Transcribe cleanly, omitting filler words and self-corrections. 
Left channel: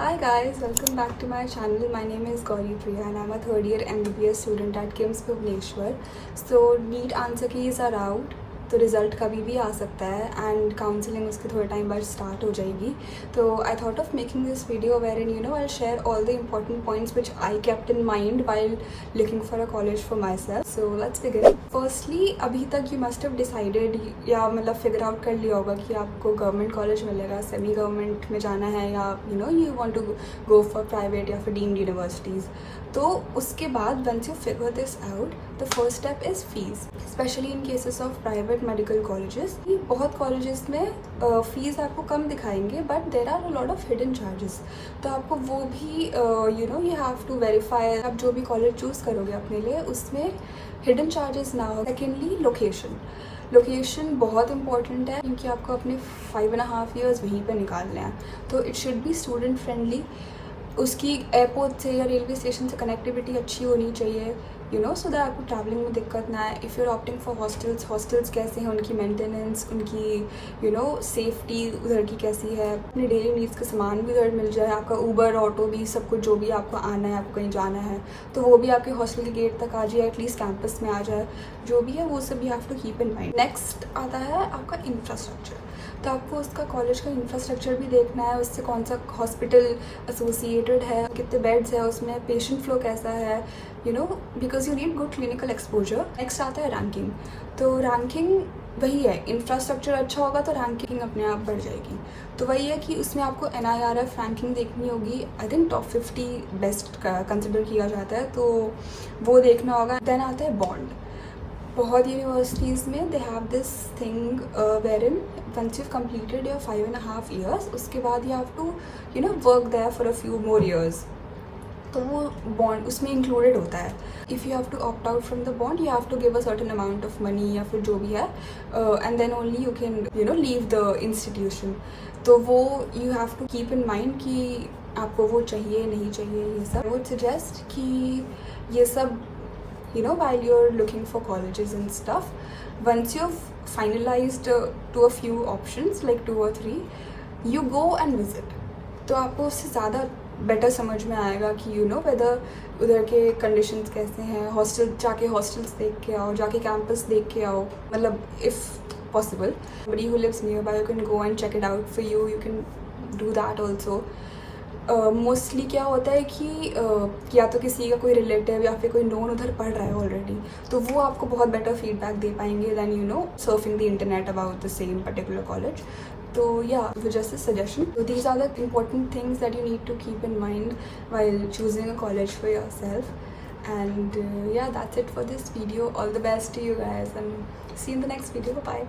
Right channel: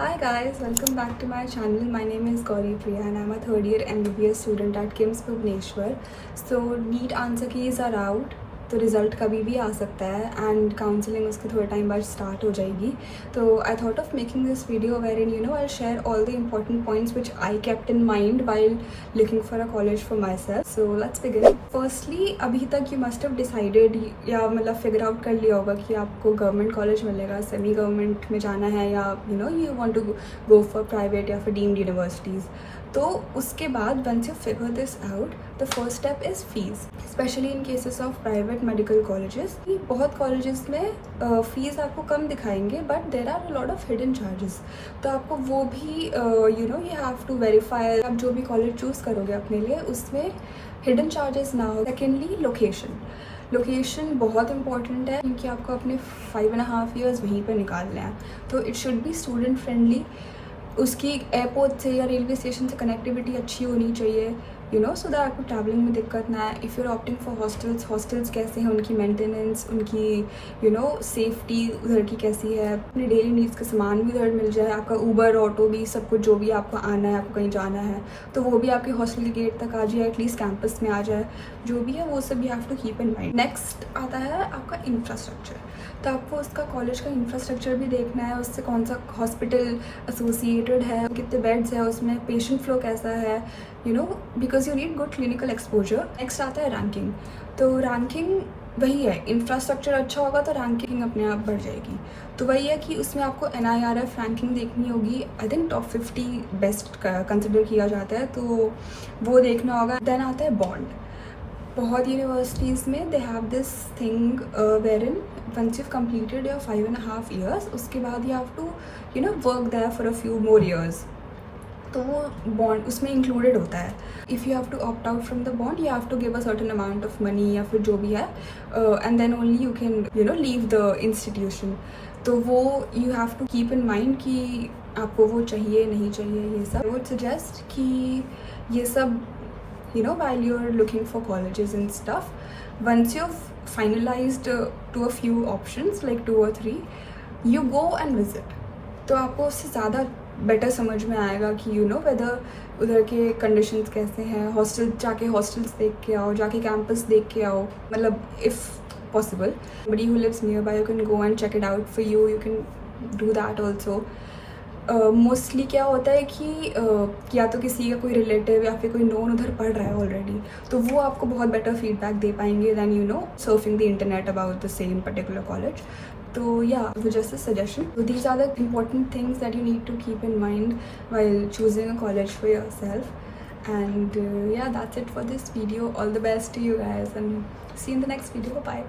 Hi guys, welcome back to my channel. My name is Gauri Priya and I'm a third year MBBS student at KIMS Bhubaneswar. So NEET answer keys are out. तो result कभी भी आ सकता है and counselling उसके थोड़े time बाद start हो जाएगी. तो I thought of making this video where in I share all the important points which I kept in mind while looking for a college for myself. So let's begin. Firstly अभी तक you must have decided या मतलब figure out कर लिया होगा कि आपको government college मिलेगा, सेमी गवर्नमेंट में जाना है या you want to go for private या फिर डीम्ड यूनिवर्सिटीज़. तो उसके बाद once you figure this out the first step is fees, specially in cases of private medical colleges. बहुत कॉलेजेस में फीस आपको कम दिखाएंगे but there are a lot of hidden charges. तो आपको वो भी यू हैव टू वेरीफाई. आप जो भी कॉलेज चूज़ करोगे अपने लिए उसमें हिडन चार्जेस ना हो. सेकेंडली लोकेशन बहुत इंपॉर्टेंट है क्योंकि आपको अपने 5.5 years वहीं पर निकालने हैं. तो it should be student friendly. उसकी एयरपोर्ट से या रेलवे स्टेशन से कनेक्टिविटी अच्छी होनी चाहिए सो दैट आपको ट्रैवलिंग में दिक्कत ना आए. If you are opting for hostels कैसे हैं, उनकी मेंटेनेंस, उनकी सेफ्टी उधर की कैसी है, अपने डेली नीड्स का सामान भी उधर मिल जाए, आपका ऊबर ऑटो भी सब कुछ जो भी आपको आना है, आपको कहीं जाना है तो वो भी आपके हॉस्टल के गेट तक आ जाए, एटलीस्ट कैंपस में आ जाए. जो भी है वो सब you have to keep in mind. Next आता है आपका इंफ्रास्ट्रक्चर. तो आपको उसका कॉलेज का इंफ्रास्ट्रक्चर भी देखना है, उससे कौन सा हॉस्पिटल एसोसिएटेड है, कितने बेड्स है उसमें, पेशेंट फ्लो कैसा है, because you need good clinical exposure. Next आता है रैंकिंग. तो रैंकिंग वही है, इंफ्रास्ट्रक्चर अच्छा होगा तो रैंकिंग अपने आप बढ़ जाएगी. तो वही है कि उसमें आपको NIRF रैंकिंग देखनी होगी. I think top 50 best consider किया जाता है तो वो देखना होगा. देन आता है बॉन्ड. बहुत यूनिवर्सिटीज़ में they have this thing where in once you completed your 5.5 years उसके बाद you have to work there for a few more years. तो वो बॉन्ड उसमें इंक्लूडेड होता है. If you have to opt out from the bond you have to give a certain amount of money या फिर जो भी है and then only you can leave the institution. तो वो you have to keep in mind कि आपको वो चाहिए नहीं चाहिए. ये सब आई वुड सजेस्ट कि ये सब while you're looking for colleges and stuff, once you've finalized to a few options like 2 or 3, you go and visit. तो आपको उससे ज़्यादा बेटर समझ में आएगा कि वेदर उधर के कंडीशंस कैसे हैं. जाके हॉस्टल्स देख के आओ, जाके कैंपस देख के आओ. मतलब if possible somebody who lives nearby you can go and check it out for you can do that also. Mostly क्या होता है कि या तो किसी का कोई रिलेटिव या फिर कोई नोन उधर पढ़ रहा है ऑलरेडी तो वो आपको बहुत बेटर फीडबैक दे पाएंगे than surfing the internet about the same particular college. तो या just a suggestion. So these are the important things that you need to keep in mind while choosing a college for yourself. And yeah, that's it for this video. All the best to you guys and see you in the next video. Bye.